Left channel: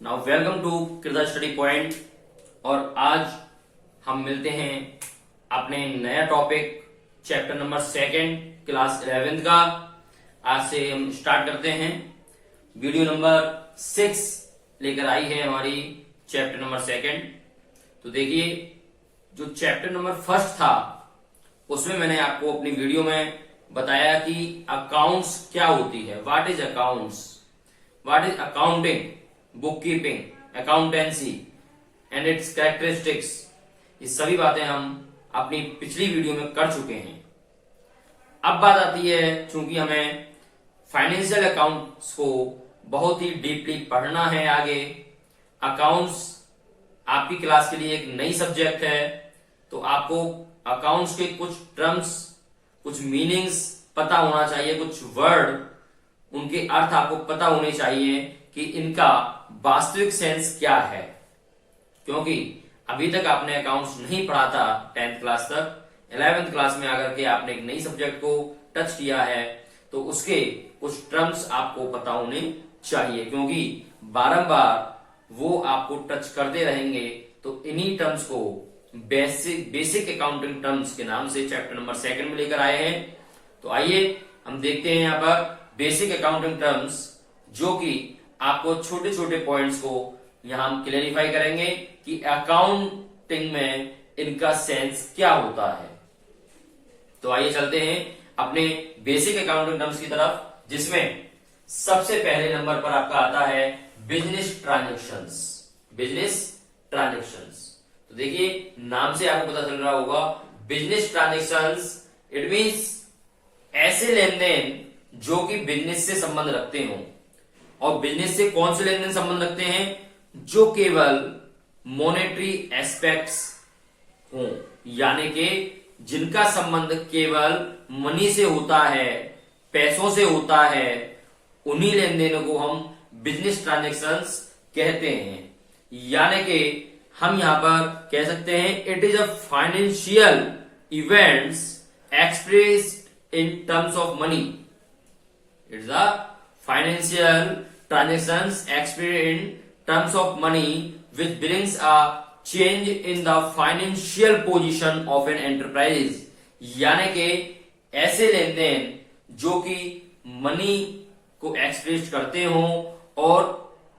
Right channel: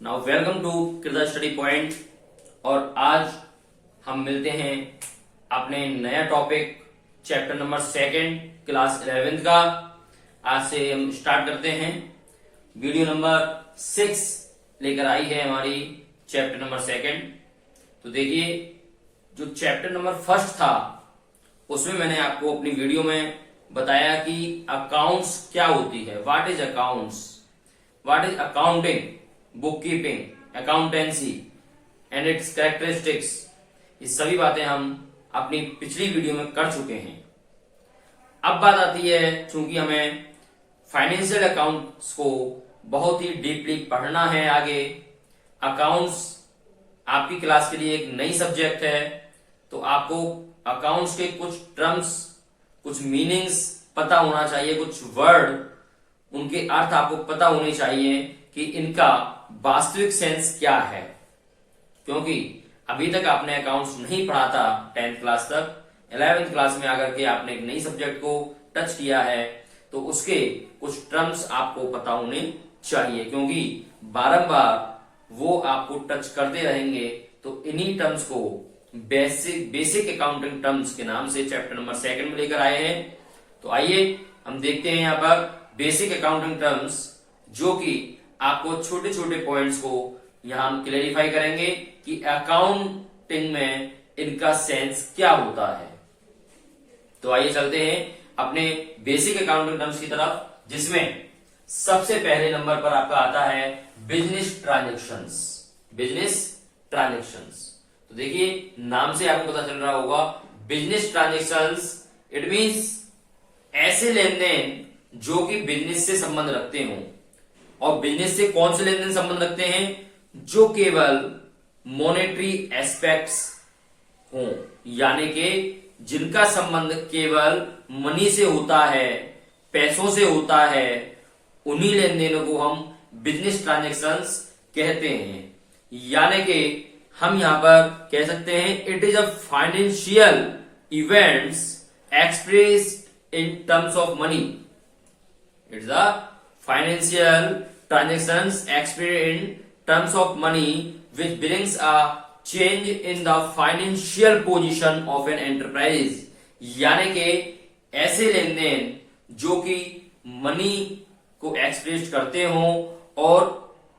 Now welcome to किरदार study point. और आज हम मिलते हैं अपने नया topic chapter number 2 class 11th का। आज से हम स्टार्ट करते हैं। वीडियो नंबर 6 लेकर आई है हमारी चैप्टर नंबर 2। तो देखिए, जो चैप्टर नंबर 1 था उसमें मैंने आपको अपनी वीडियो में बताया कि अकाउंट्स क्या होती है, what is accounts, what is accounting, book keeping, accountancy and it's characteristics. ये सभी बातें हम अपनी पिछली वीडियो में कर चुके हैं। अब बात आती है, चूंकि हमें फाइनेंशियल अकाउंट्स को बहुत ही डीपली पढ़ना है आगे। अकाउंट्स आपकी क्लास के लिए एक नई सब्जेक्ट है, तो आपको अकाउंट्स के कुछ टर्म्स, कुछ मीनिंग्स पता होना चाहिए, कुछ वर्ड, उनके अर्थ आपको पता होने चाहिए कि इनका वास्तविक सेंस क्या है। क्योंकि अभी तक आपने अकाउंट्स नहीं पढ़ा था 10th क्लास तक, 11th क्लास में आकर के आपने एक नई सब्जेक्ट को टच किया है, तो उसके कुछ टर्म्स आपको पता होने चाहिए, क्योंकि बारंबार वो आपको टच करते रहेंगे। तो इन्हीं टर्म्स को बेसिक अकाउंटिंग टर्म्स के नाम से चैप्टर नंबर 2 में लेकर आए हैं। तो आइए हम देखते हैं यहाँ पर बेसिक अकाउंटिंग टर्म्स, जो कि आपको छोटे छोटे पॉइंट्स को यहां हम क्लेरिफाई करेंगे कि अकाउंटिंग में इनका सेंस क्या होता है। तो आइए चलते हैं अपने बेसिक अकाउंटिंग टर्म्स की तरफ, जिसमें सबसे पहले नंबर पर आपका आता है बिजनेस ट्रांजेक्शंस। बिजनेस ट्रांजेक्शंस, तो देखिए नाम से आपको पता चल रहा होगा, बिजनेस ट्रांजेक्शंस इट मींस ऐसे लेन देन जो कि बिजनेस से संबंध रखते हों। और बिजनेस से कौन से लेन देन संबंध रखते हैं? जो केवल मॉनेटरी एस्पेक्ट्स हों, यानी कि जिनका संबंध केवल मनी से होता है, पैसों से होता है, उन्हीं लेन देनों को हम बिजनेस ट्रांजेक्शंस कहते हैं। यानी कि हम यहां पर कह सकते हैं it is a financial events expressed in terms of money. It's a financial transactions expressed in terms of money which brings a change in the financial position of an enterprise। यानी कि ऐसे लेन देन जो कि money को express करते हों और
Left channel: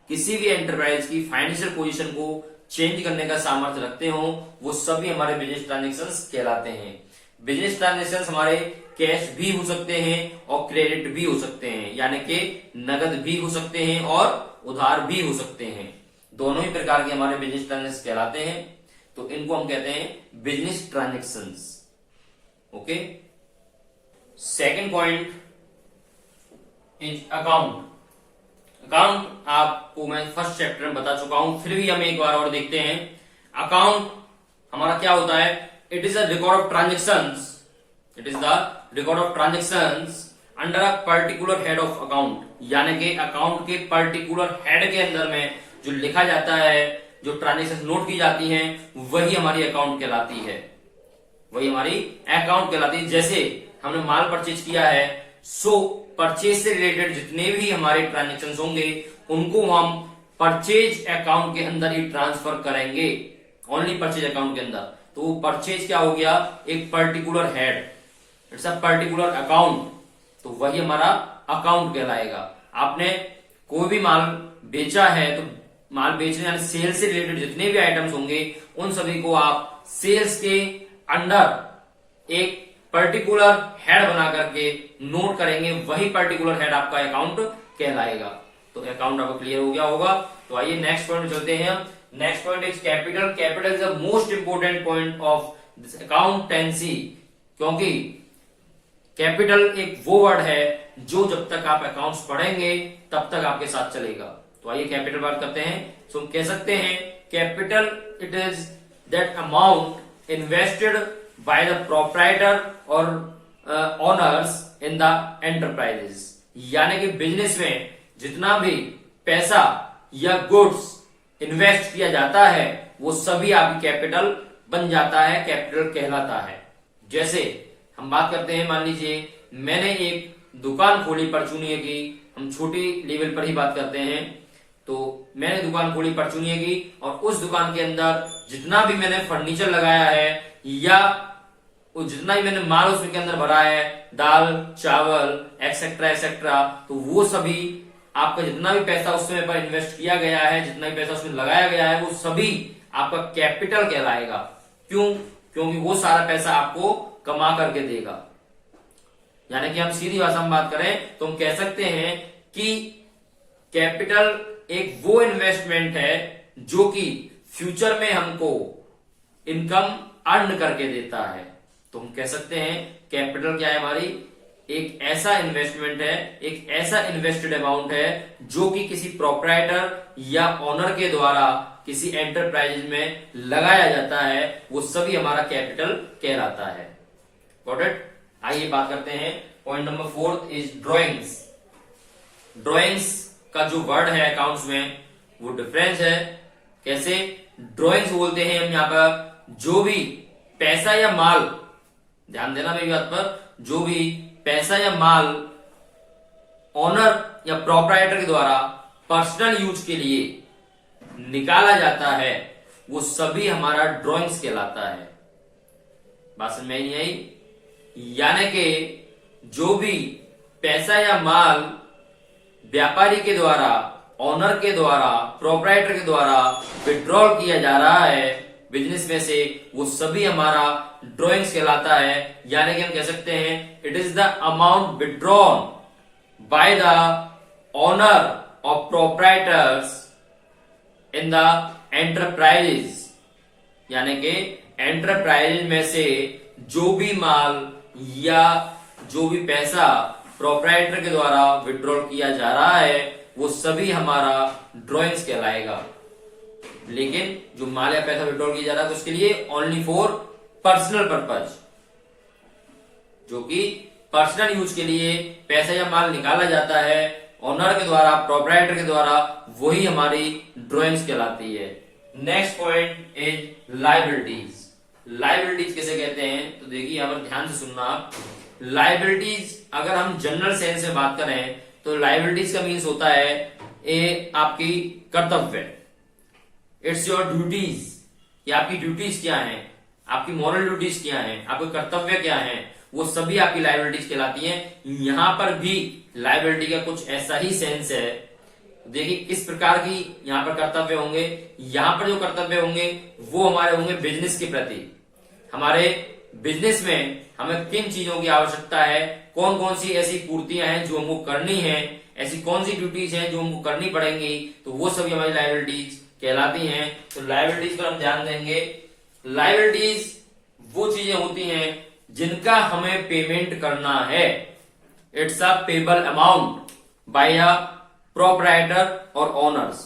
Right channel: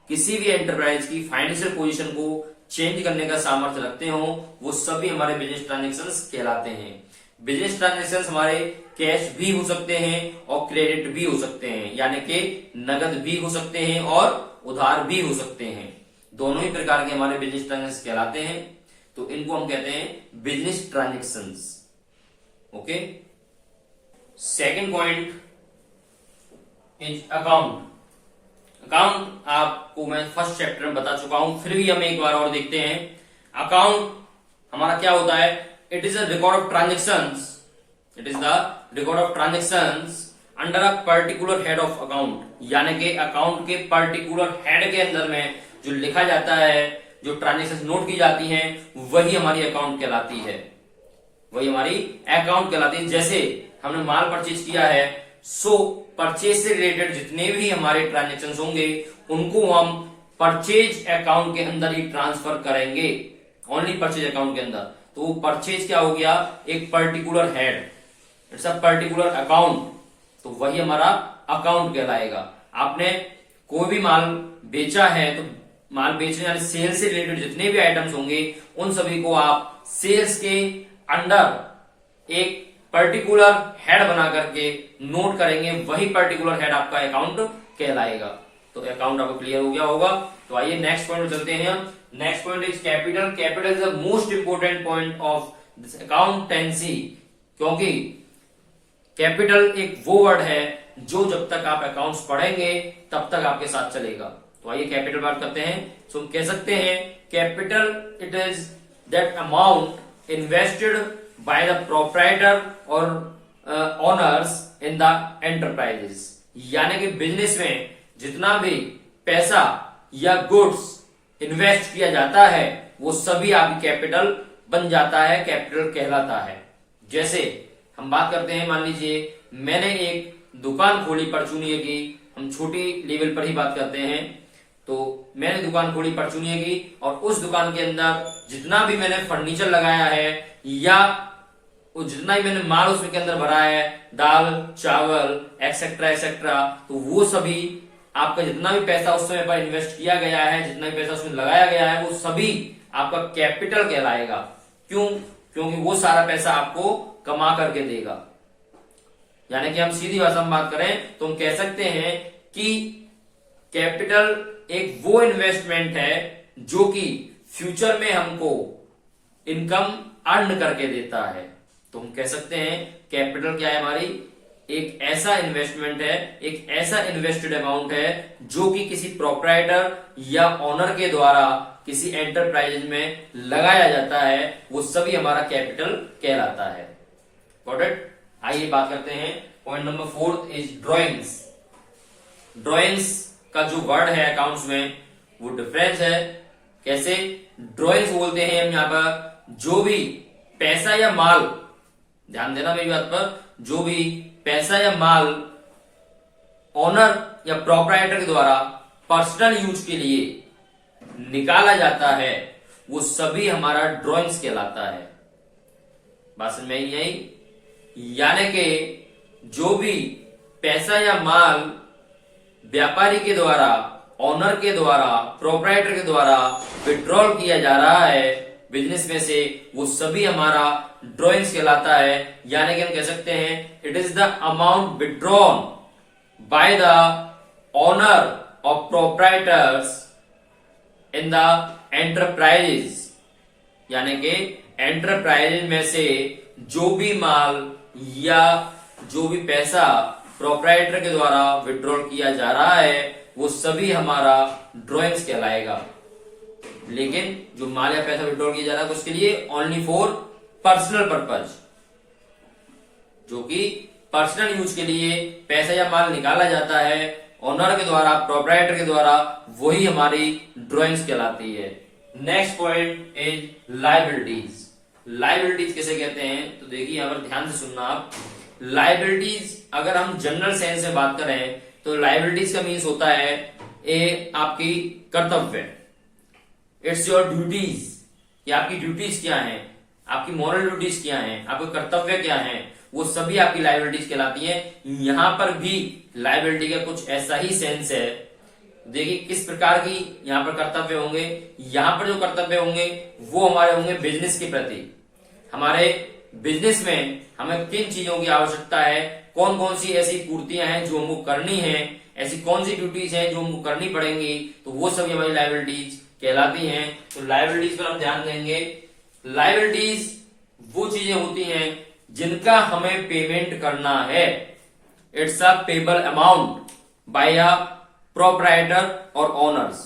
किसी भी एंटरप्राइज की फाइनेंशियल पोजीशन को चेंज करने का सामर्थ्य रखते हों, वो सभी हमारे बिजनेस ट्रांजेक्शंस कहलाते हैं। बिजनेस ट्रांजेक्शंस हमारे कैश भी हो सकते हैं और क्रेडिट भी हो सकते हैं, यानी कि नगद भी हो सकते हैं और उधार भी हो सकते हैं। दोनों ही प्रकार के हमारे बिजनेस ट्रांजेक्शंस कहलाते हैं। तो इनको हम कहते हैं business transactions. Okay, second point is account. Account आपको मैं फर्स्ट चैप्टर में बता चुका हूं, फिर भी हम एक बार और देखते हैं। अकाउंट हमारा क्या होता है? It is a record of transactions, it is the record of transactions under a particular head of account. यानी कि अकाउंट के पर्टिकुलर हेड के अंदर में जो लिखा जाता है, जो ट्रांजेक्शन नोट की जाती हैं, वही हमारी अकाउंट कहलाती है, वही हमारी अकाउंट कहलाती है। जैसे हमने माल परचेज किया है, सो परचेज से रिलेटेड जितने भी हमारे ट्रांजेक्शन होंगे उनको हम परचेज अकाउंट के अंदर ही ट्रांसफर करेंगे, ओनली परचेज अकाउंट के अंदर। तो वो परचेज क्या हो गया? एक particular head, it's a particular account, तो वही हमारा अकाउंट कहलाएगा। आपने कोई भी माल बेचा है, तो माल बेचने यानी सेल्स से रिलेटेड जितने भी आइटम्स होंगे उन सभी को आप सेल्स के अंडर एक पर्टिकुलर हेड बना करके नोट करेंगे, वही पर्टिकुलर हेड आपका अकाउंट कहलाएगा। तो अकाउंट आपको क्लियर हो गया होगा। तो आइए नेक्स्ट पॉइंट चलते हैं हम। Next point is capital. Capital is the most important point of this accountancy, क्योंकि कैपिटल एक वो वर्ड है जो जब तक आप अकाउंट्स पढ़ेंगे तब तक आपके साथ चलेगा। तो आइए कैपिटल बात करते हैं। तो हम कह सकते हैं capital it is that amount invested by the proprietor और ओनर्स इन द एंटरप्राइजेस। यानी कि बिजनेस में जितना भी पैसा या गुड्स इन्वेस्ट किया जाता है वो सभी आपकी कैपिटल बन जाता है, कैपिटल कहलाता है। जैसे हम बात करते हैं, मान लीजिए मैंने एक दुकान खोली परचूनी की, हम छोटी लेवल पर ही बात करते हैं, तो मैंने दुकान खोली परचूनिया की, और उस दुकान के अंदर जितना भी मैंने फर्नीचर लगाया है या वो जितना भी मैंने माल उसके अंदर भरा है, दाल चावल एक्सेट्रा एक्सेट्रा, तो वो सभी आपका जितना भी पैसा उस समय पर इन्वेस्ट किया गया है, जितना भी पैसा उसमें लगाया गया है, वो सभी आपका कैपिटल कहलाएगा। क्यों? क्योंकि वो सारा पैसा आपको कमा करके देगा। यानी कि हम सीधी भाषा में बात करें तो हम कह सकते हैं कि कैपिटल एक वो इन्वेस्टमेंट है जो कि फ्यूचर में हमको इनकम अर्न करके देता है। तो हम कह सकते हैं कैपिटल क्या है, हमारी एक ऐसा इन्वेस्टमेंट है, एक ऐसा इन्वेस्टेड अमाउंट है जो कि किसी प्रोप्राइटर या ओनर के द्वारा किसी एंटरप्राइज में लगाया जाता है, वो सभी हमारा कैपिटल कहलाता है। Got it? आइए बात करते हैं point number 4 is drawings. Drawings का जो वर्ड है अकाउंट्स में वो डिफरेंस है। कैसे? ड्रॉइंग्स बोलते हैं हम यहां पर जो भी पैसा या माल, ध्यान देना मेरी बात पर, जो भी पैसा या माल ओनर या प्रोप्राइटर के द्वारा पर्सनल यूज के लिए निकाला जाता है, वो सभी हमारा ड्रॉइंग्स कहलाता है। बात समझ में आई? यानी कि जो भी पैसा या माल व्यापारी के द्वारा, ओनर के द्वारा, प्रोप्राइटर के द्वारा विड्रॉल किया जा रहा है बिजनेस में से, वो सभी हमारा ड्रॉइंग्स कहलाता है। यानी कि हम कह सकते हैं it is the amount withdrawn by the owner of proprietors in the enterprises. यानी कि एंटरप्राइजेज में से जो भी माल या जो भी पैसा प्रोप्राइटर के द्वारा विड्रॉल किया जा रहा है, वो सभी हमारा ड्रॉइंग्स कहलाएगा। लेकिन जो माल या पैसा विड्रॉल किया जा रहा है उसके लिए ओनली फॉर पर्सनल पर्पज, जो कि पर्सनल यूज के लिए पैसा या माल निकाला जाता है ओनर के द्वारा, प्रोप्राइटर के द्वारा, वही हमारी ड्रॉइंग्स कहलाती है। Next point is liabilities. Liabilities किसे कहते हैं? तो देखिए यहां पर ध्यान से सुनना आप। लायबिलिटीज अगर हम जनरल सेंस में बात करें तो लायबिलिटीज का मीन्स होता है ए आपकी कर्तव्य, इट्स योर ड्यूटीज, कि आपकी ड्यूटीज क्या हैं, आपकी मॉरल ड्यूटीज क्या हैं, आपके कर्तव्य क्या हैं, वो सभी आपकी लायबिलिटीज कहलाती हैं। यहां पर भी लायबिलिटी का कुछ ऐसा ही सेंस है। देखिए किस प्रकार की यहां पर कर्तव्य होंगे। यहां पर जो कर्तव्य होंगे वो हमारे होंगे बिजनेस के प्रति। हमारे बिजनेस में हमें किन चीजों की आवश्यकता है, कौन कौन सी ऐसी पूर्तियां हैं जो हमको करनी है, ऐसी कौन सी ड्यूटीज हैं जो हमको करनी पड़ेंगी, तो वो सभी हमारी लायबिलिटीज कहलाती हैं। तो लायबिलिटीज पर हम ध्यान देंगे। लायबिलिटीज वो चीजें होती हैं जिनका हमें पेमेंट करना है। It's a payable amount by a proprietor और ओनर्स।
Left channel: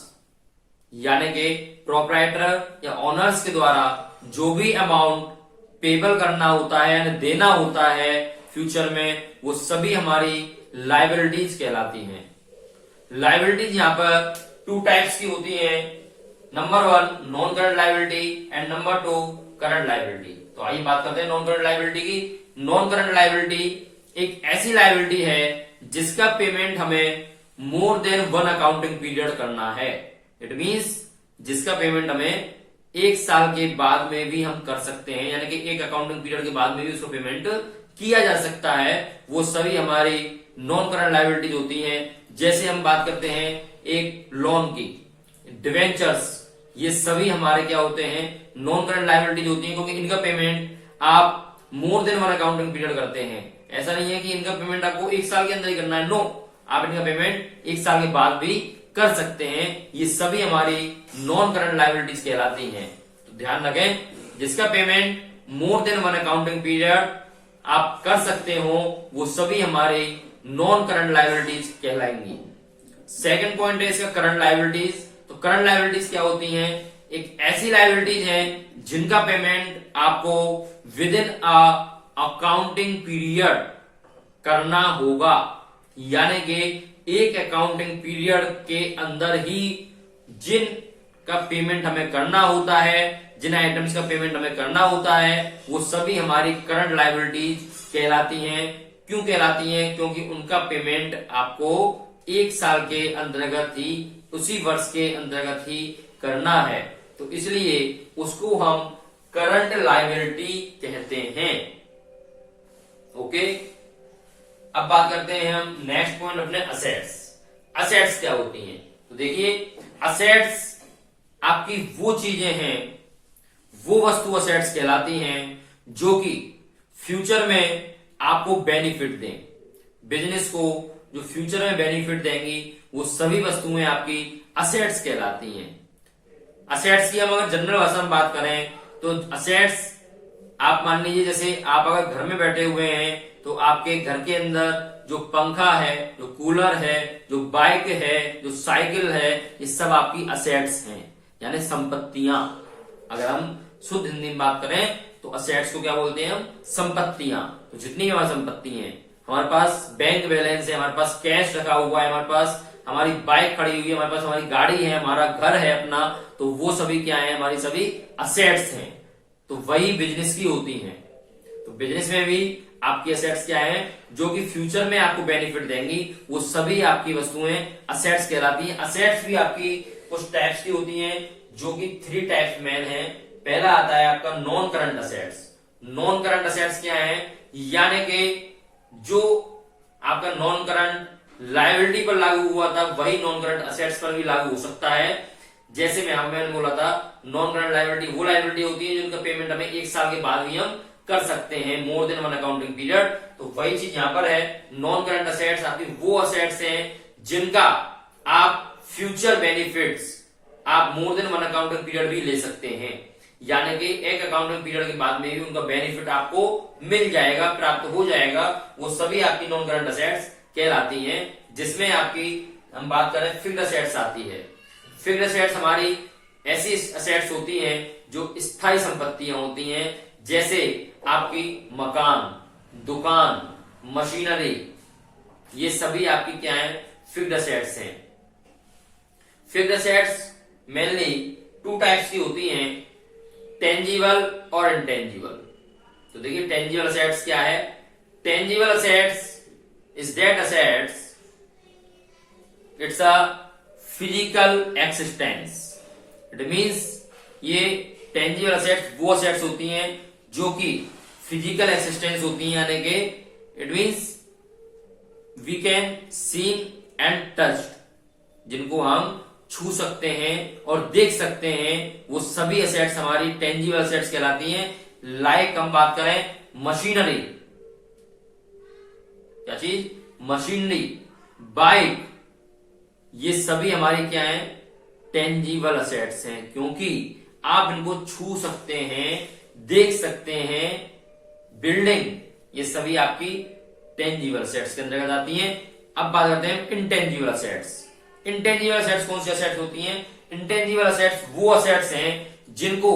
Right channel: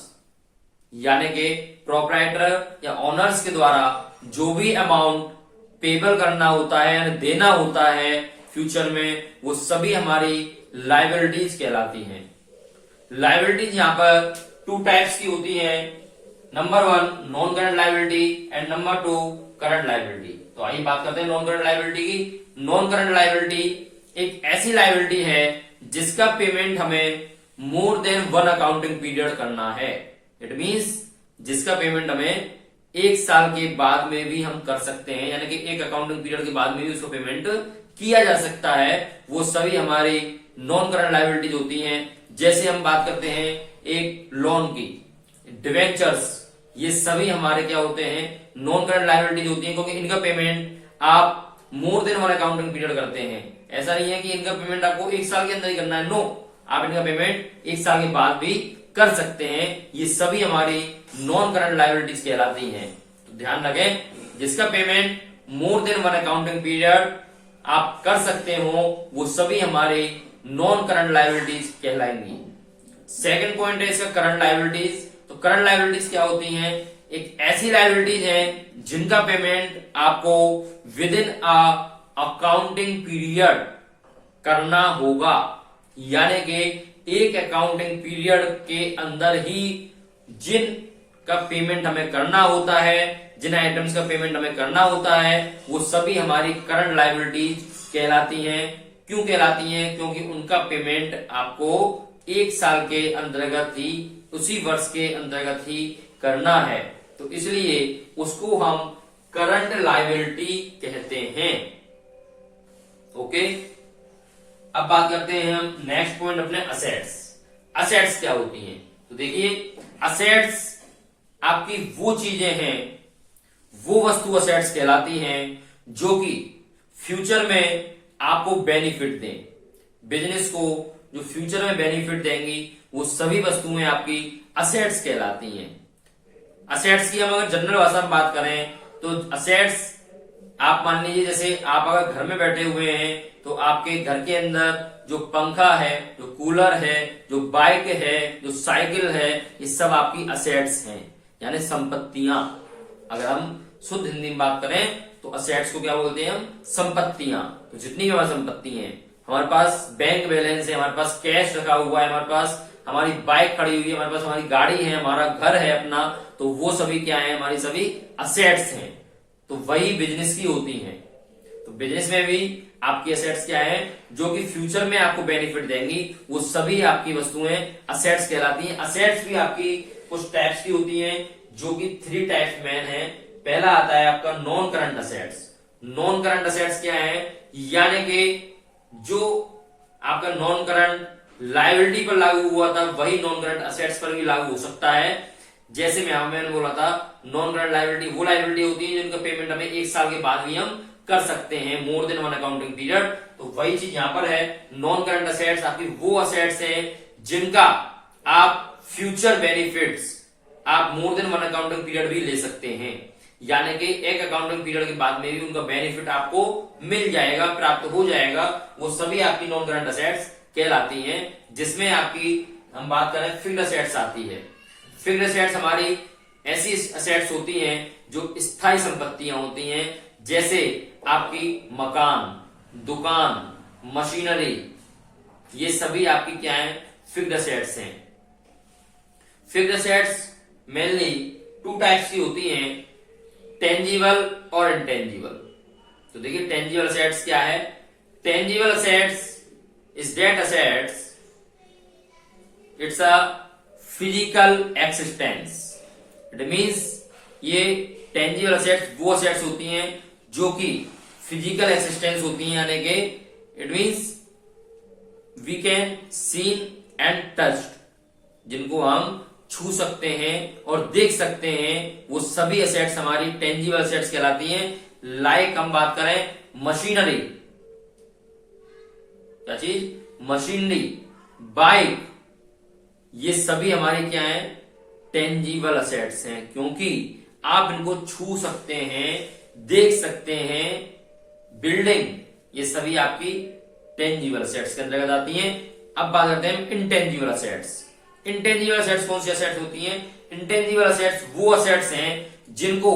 यानी कि प्रोप्राइटर या ओनर्स के द्वारा जो भी अमाउंट पेबल करना होता है यानी देना होता है फ्यूचर में, वो सभी हमारी लायबिलिटीज कहलाती हैं। लायबिलिटीज यहां पर 2 टाइप्स की होती है। Number 1 non current liability and number 2 current liability. तो आइए बात करते हैं नॉन करंट लायबिलिटी की। नॉन करंट लायबिलिटी एक ऐसी लायबिलिटी है जिसका पेमेंट हमें मोर देन 1 अकाउंटिंग पीरियड करना है। इट मीन्स जिसका पेमेंट हमें 1 साल के बाद में भी हम कर सकते हैं, यानी कि 1 अकाउंटिंग पीरियड के बाद में भी उसको पेमेंट किया जा सकता है। वो सभी हमारी नॉन करंट लायबिलिटीज होती हैं। जैसे हम बात करते हैं एक लोन की, डिवेंचर्स, ये सभी हमारे क्या होते हैं, नॉन करंट लायबिलिटीज होती हैं, क्योंकि इनका पेमेंट आप मोर देन 1 अकाउंटिंग पीरियड करते हैं। ऐसा नहीं है कि इनका पेमेंट आपको 1 साल के अंदर ही करना है। नो, आप इनका पेमेंट 1 साल के बाद भी कर सकते हैं। ये सभी हमारी नॉन करंट लायबिलिटीज कहलाती हैं। तो ध्यान रखें, जिसका payment more than 1 accounting period आप कर सकते हो, वो सभी हमारे नॉन करंट लायबिलिटीज कहलाएंगी। सेकंड पॉइंट है इसका करंट लायबिलिटीज। तो करंट लायबिलिटीज क्या होती हैं? एक ऐसी लायबिलिटीज हैं जिनका पेमेंट आपको with in a accounting period करना होगा। यानी कि एक अकाउंटिंग पीरियड के अंदर ही जिन का पेमेंट हमें करना होता है, जिन आइटम्स का पेमेंट हमें करना होता है, वो सभी हमारी करंट लायबिलिटीज कहलाती हैं। क्यों कहलाती हैं? क्योंकि उनका पेमेंट आपको 1 साल के अंतर्गत ही उसी वर्ष के अंतर्गत ही करना है, तो इसलिए उसको हम करंट लायबिलिटी कहते हैं। ओके, अब बात करते हैं हम नेक्स्ट पॉइंट अपने असेट्स। असेट्स क्या होती हैं? तो देखिए, असेट्स आपकी वो चीजें हैं, वो वस्तु असेट्स कहलाती हैं जो कि फ्यूचर में आपको बेनिफिट दें। बिजनेस को जो फ्यूचर में बेनिफिट देंगी वो सभी वस्तुएं आपकी असेट्स कहलाती हैं। असेट्स की हम अगर जनरल भाषा में बात करें तो असेट्स आप मान लीजिए, जैसे आप अगर घर में बैठे हुए हैं तो आपके घर के अंदर जो पंखा है, जो कूलर है, जो बाइक है, जो साइकिल है, ये सब आपकी असेट्स हैं, यानी संपत्तियां। अगर हम शुद्ध हिंदी में बात करें तो असेट्स को क्या बोलते हैं हम? संपत्तियां। तो जितनी भी हमारी संपत्ति हैं, हमारे पास बैंक बैलेंस है, हमारे पास कैश रखा हुआ है, हमारे पास हमारी बाइक खड़ी हुई है, हमारे पास हमारी गाड़ी है, हमारा घर है अपना, तो वो सभी क्या है? हमारी सभी असेट्स हैं। तो वही बिजनेस की होती हैं। तो बिजनेस में भी आपकी असेट्स क्या है? जो कि फ्यूचर में आपको बेनिफिट देंगी, वो सभी आपकी वस्तुएं असेट्स कहलाती हैं। असेट्स भी आपकी कुछ टाइप्स की होती हैं, जो कि 3 टाइप्स मेन है। पहला आता है आपका non current assets. Non current assets क्या है? यानी कि जो आपका नॉन करंट लायबिलिटी पर लागू हुआ था, वही नॉन करंट असेट्स पर भी लागू हो सकता है। जैसे मैंने बोला था, नॉन करंट लायबिलिटी वो लायबिलिटी होती है जिनका पेमेंट हमें 1 साल के बाद भी हम कर सकते हैं, मोर देन 1 अकाउंटिंग पीरियड। तो वही चीज यहां पर है। नॉन करंट असेट्स आपकी वो असेट्स हैं जिनका आप फ्यूचर बेनिफिट्स आप मोर देन 1 अकाउंटिंग पीरियड भी ले सकते हैं, यानी कि 1 अकाउंटिंग पीरियड के बाद में भी उनका बेनिफिट आपको मिल जाएगा, प्राप्त हो जाएगा। वो सभी आपकी नॉन करंट असेट्स कहलाती हैं। जिसमें आपकी हम बात करें फिक्स्ड असेट्स आती है। फिक्स्ड असेट्स हमारी ऐसी असेट्स होती हैं जो स्थायी संपत्तियां होती हैं, जैसे आपकी मकान, दुकान, मशीनरी, ये सभी आपकी क्या है? फिक्स्ड असेट्स हैं। फिक्स्ड असेट्स मेनली 2 टाइप्स की होती हैं, टेंजिबल और इनटेंजिबल। तो देखिए, टेंजिबल असेट्स क्या है? Tangible assets is that assets it's a physical existence. It means ये टेंजिबल असेट्स वो असेट्स होती हैं जो कि फिजिकल एक्सिस्टेंस होती हैं, यानी कि it means we can seen and touched, जिनको हम छू सकते हैं और देख सकते हैं, वो सभी असेट्स हमारी टेंजिबल असेट्स कहलाती हैं। लाइक हम बात करें मशीनरी, क्या चीज? मशीनरी, बाइक, ये सभी हमारी क्या है? टेंजिबल असेट्स हैं, क्योंकि आप इनको छू सकते हैं, देख सकते हैं। बिल्डिंग, ये सभी आपकी टेंजिबल असेट्स के अंतर्गत आती हैं। अब बात करते हैं इंटेंजिबल असेट्स। इंटेंजिबल असेट्स कौन सी असेट्स होती हैं? इंटेंजिबल असेट्स वो असेट्स हैं जिनको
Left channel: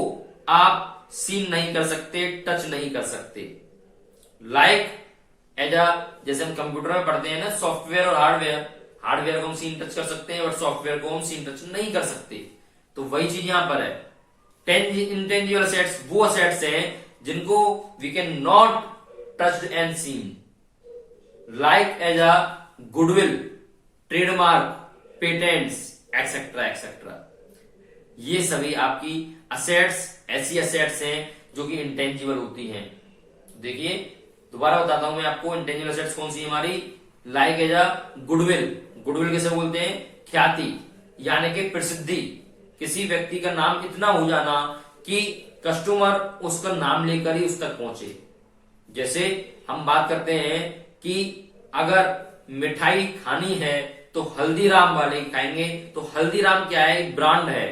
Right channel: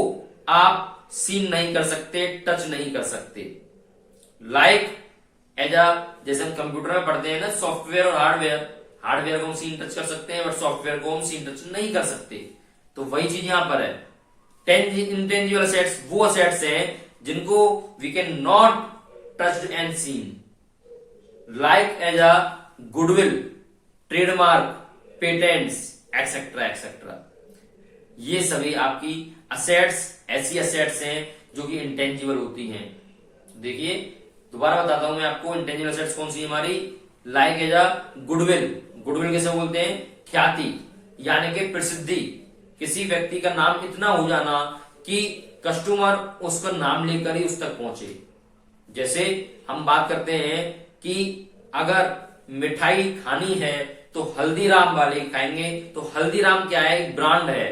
आप सीन नहीं कर सकते, टच नहीं कर सकते। लाइक जैसे हम कंप्यूटर में पढ़ते हैं ना, सॉफ्टवेयर और हार्डवेयर। हार्डवेयर को हम सीन टच कर सकते हैं, बट सॉफ्टवेयर को हम सीन टच नहीं कर सकते। तो वही चीज यहां पर है। इंटेंजिबल असेट्स वो असेट्स हैं जिनको we can not touch and seen, like as a goodwill, trademark, patents, etcetera etcetera. ये सभी आपकी असेट्स ऐसी असेट्स हैं जो कि इंटेंजिबल होती हैं। देखिए, दोबारा बताता हूं मैं आपको, इंटेंजिबल असेट्स कौन सी हमारी? Like as a goodwill. Goodwill कैसे बोलते हैं? ख्याति, यानी कि प्रसिद्धि। किसी व्यक्ति का नाम इतना हो जाना कि कस्टमर उसका नाम लेकर ही उस तक पहुंचे। जैसे हम बात करते हैं कि अगर मिठाई खानी है तो हल्दीराम वाले खाएंगे, तो हल्दीराम क्या है? एक ब्रांड है।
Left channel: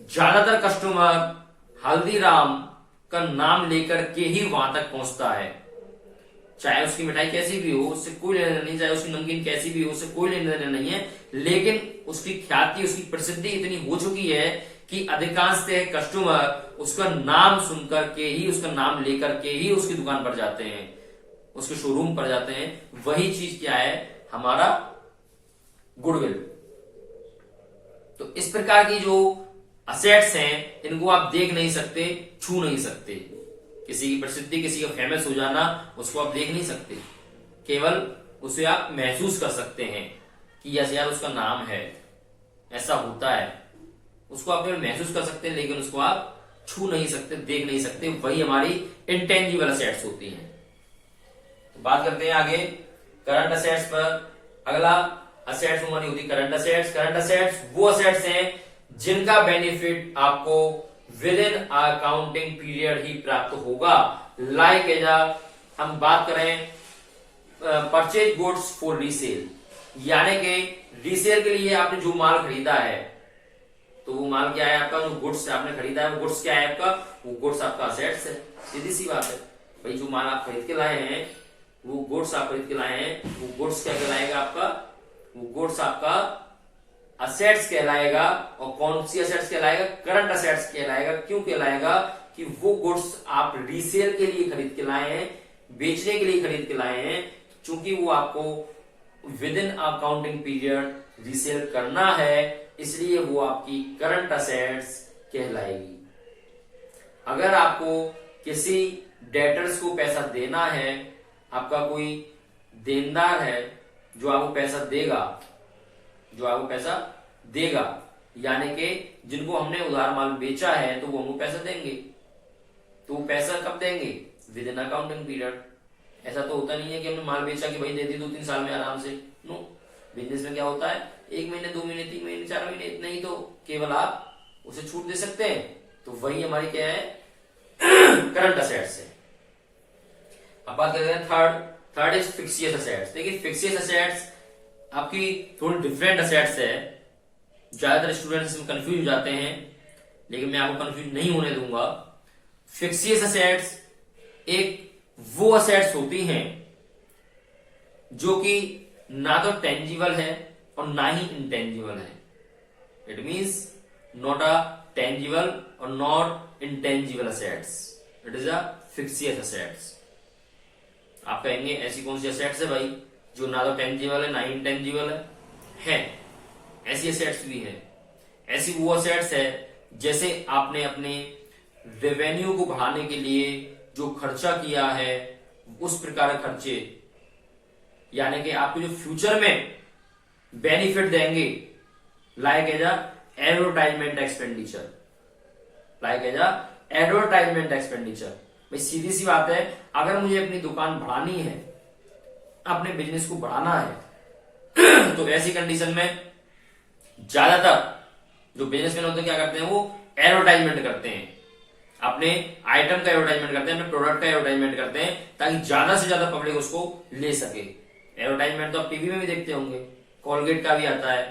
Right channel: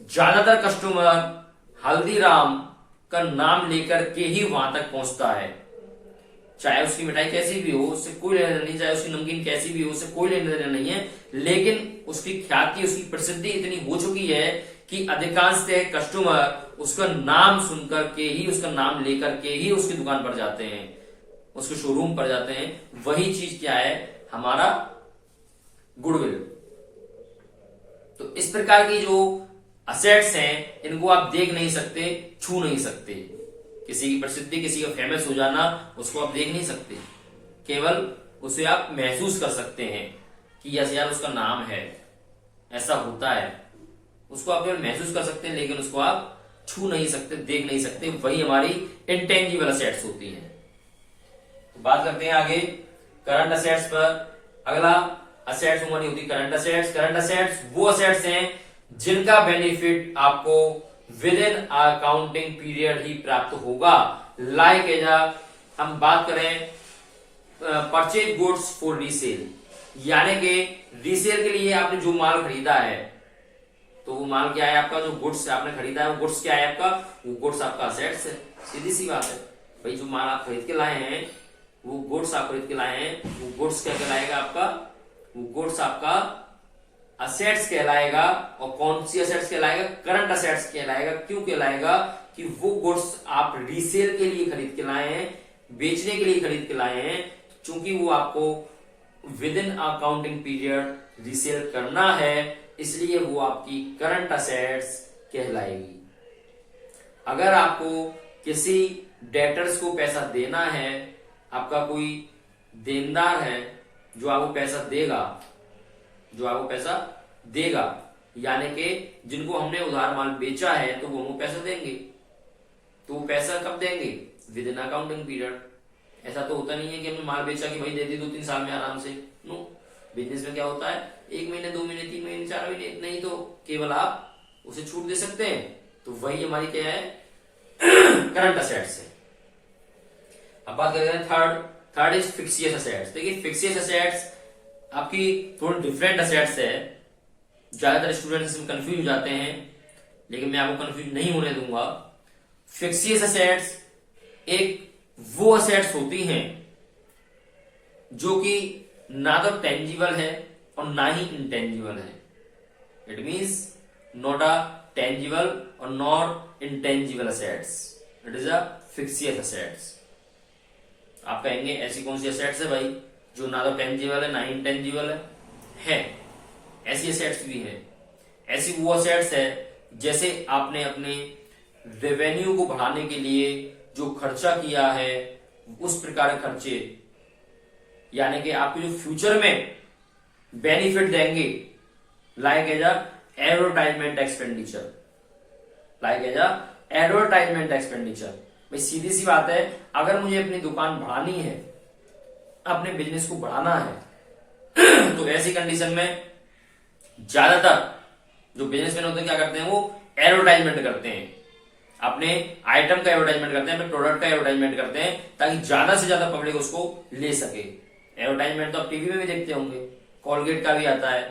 ज्यादातर कस्टमर हल्दीराम का नाम लेकर के ही वहां तक पहुंचता है। चाहे उसकी मिठाई कैसी भी हो, उससे कोई लेना नहीं, चाहे उसकी नमकीन कैसी भी हो, उससे कोई लेना देना नहीं है, लेकिन उसकी ख्याति, उसकी प्रसिद्धि इतनी हो चुकी है कि अधिकांशतः कस्टमर उसका नाम सुनकर के ही, उसका नाम लेकर के ही उसकी दुकान पर जाते हैं, उसके शोरूम पर जाते हैं। वही चीज क्या है? हमारा गुडविल। तो इस प्रकार की जो असेट्स हैं, इनको आप देख नहीं सकते, छू नहीं सकते। किसी की प्रसिद्धि, किसी का फेमस हो जाना, उसको आप देख नहीं सकते, केवल उसे आप महसूस कर सकते हैं कि यस यार उसका नाम है। ऐसा होता है, उसको आप केवल महसूस कर सकते हैं लेकिन उसको आप छू नहीं सकते, देख नहीं सकते, वही हमारी इंटेंजिबल असेट्स होती हैं। तो बात करते हैं आगे करंट असेट्स पर। अगला असेट्स हमारी होती करंट असेट्स। करंट असेट्स वो असेट्स हैं जिनका बेनिफिट आपको विद इन अकाउंटिंग पीरियड ही प्राप्त होगा। लाइक एज हम बात करें परचेज गुड्स फॉर रीसेल, यानी कि रीसेल के लिए आपने जो माल खरीदा है, तो वो माल क्या है आपका, जो गुड्स आपने खरीदा है वो गुड्स क्या है आपका, वो गुड्स आपका असेट्स है। सीधी सी बात है भाई, जो माल आप खरीद के लाए हैं, वो गुड्स आप खरीद के लाए हैं, वो गुड्स क्या कहलाएगा आपका, वो गुड्स आपका असेट्स कहलाएगा। और कौन सी असेट्स कहलाएगा, करंट असेट्स कहलाएगा। क्यों कहलाएगा कि वो गुड्स आप रीसेल के लिए खरीद के लाए हैं, बेचने के लिए खरीद के लाए हैं, चूंकि वो आपको with in accounting period resale करना है, इसलिए वो आपकी करंट असेट्स कहलाएगी। अगर आपको किसी डेटर्स को पैसा देना है, आपका कोई देनदार है जो आपको पैसा देगा, जो आपको पैसा देगा, यानी कि जिनको हमने उधार माल बेचा है तो वो हमको पैसा देंगे, तो वो पैसा कब देंगे, विद इन अकाउंटिंग पीरियड। ऐसा तो होता नहीं है कि हमने माल बेचा कि भाई दे दी 2-3 साल में आराम से, नो। बिजनेस में क्या होता है, 1 महीने 2 महीने 3 महीने 4 महीने, इतना ही तो केवल आप उसे छूट दे सकते हैं। तो वही हमारी क्या है, करंट असेट्स है। अब बात करते हैं थर्ड इज फिक्सियस असेट्स। देखिए फिक्सियस असेट्स आपकी थोड़ी डिफरेंट असेट्स है। ज्यादातर स्टूडेंट्स इसमें कंफ्यूज हो जाते हैं, लेकिन मैं आपको कंफ्यूज नहीं होने दूंगा। फिक्सियस असेट्स एक वो असेट्स होती हैं जो कि ना तो टेंजिबल है और ना ही इंटेंजिबल है। It means not a tangible और not intangible assets, it is a fictitious assets. आप कहेंगे ऐसी कौन सी असेट्स है भाई जो ना तो टेंजिबल है ना ही इंटेंजिबल है? ऐसी असेट्स भी है। ऐसी वो असेट्स है जैसे आपने अपने रेवेन्यू को बढ़ाने के लिए जो खर्चा किया है, उस प्रकार के खर्चे, यानी कि आपको जो फ्यूचर में बेनिफिट देंगे, like as advertisement expenditure, like as advertisement expenditure. भाई सीधी सी बात है, अगर मुझे अपनी दुकान बढ़ानी है, अपने बिजनेस को बढ़ाना है तो ऐसी कंडीशन में ज्यादातर जो बिजनेसमैन होते हैं क्या करते हैं, वो एडवर्टाइजमेंट करते हैं, अपने आइटम का एडवर्टाइजमेंट करते हैं, अपने प्रोडक्ट का एडवर्टाइजमेंट करते हैं, ताकि ज्यादा से ज्यादा पब्लिक उसको ले सके। एडवर्टाइजमेंट तो आप टीवी में भी देखते होंगे, कोलगेट का भी आता है,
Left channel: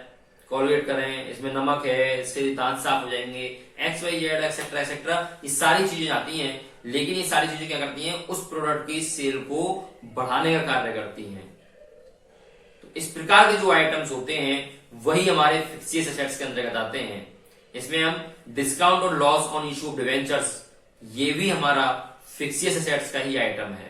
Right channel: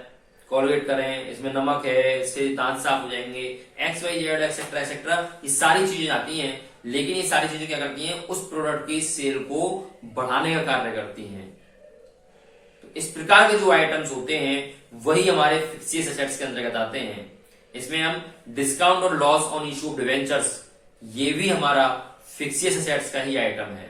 कोलगेट करें, इसमें नमक है, इससे दांत साफ हो जाएंगे, XYZ एक्सेट्रा एक्सेट्रा, ये सारी चीजें आती हैं। लेकिन ये सारी चीजें क्या करती हैं, उस प्रोडक्ट की सेल को बढ़ाने का कार्य करती हैं। तो इस प्रकार के जो आइटम्स होते हैं वही हमारे फिक्सियस एसेट्स के अंतर्गत आते हैं। इसमें हम डिस्काउंट और loss on issue of debentures, ये भी हमारा फिक्सियस एसेट्स का ही आइटम है।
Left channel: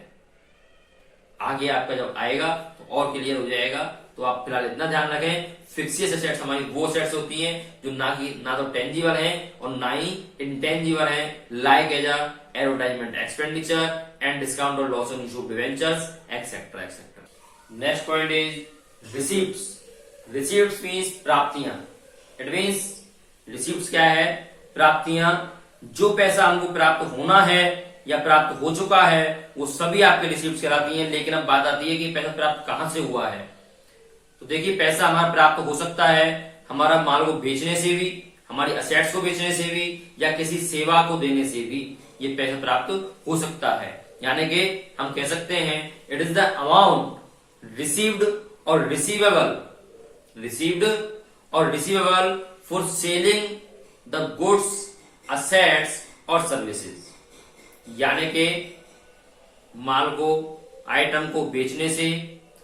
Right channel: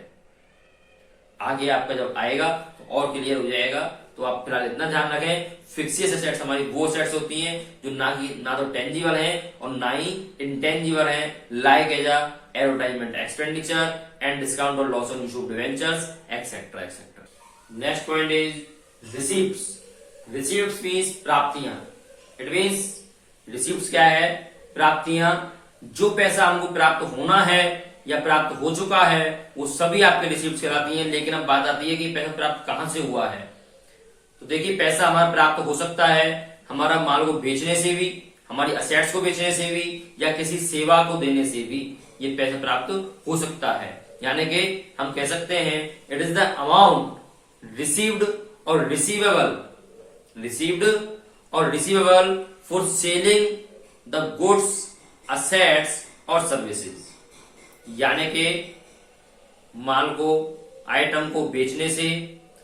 आगे आपका जब आएगा तो और क्लियर हो जाएगा। तो आप फिलहाल इतना ध्यान रखें, फिक्सियस एसेट्स हमारी वो एसेट्स होती हैं जो ना तो टेंजिबल हैं और ना ही इंटेंजिबल हैं, like as advertisement expenditure and discount और loss on issue of debentures etcetera etcetera. Next point is receipts. Receipts means प्राप्तियां। इट मींस रिसीप्ट्स क्या है, प्राप्तियां। जो पैसा हमको प्राप्त होना है या प्राप्त हो चुका है वो सभी आपके रिसीप्ट्स कहलाती हैं। लेकिन अब बात आती है कि पैसा प्राप्त कहां से हुआ है। तो देखिए पैसा हमारा प्राप्त हो सकता है हमारा माल को बेचने से भी, हमारी असेट्स को बेचने से भी, या किसी सेवा को देने से भी ये पैसा प्राप्त हो सकता है। यानी कि हम कह सकते हैं it is the amount received और receivable for selling the goods, assets और सर्विसेज। यानी कि माल को, आइटम को बेचने से,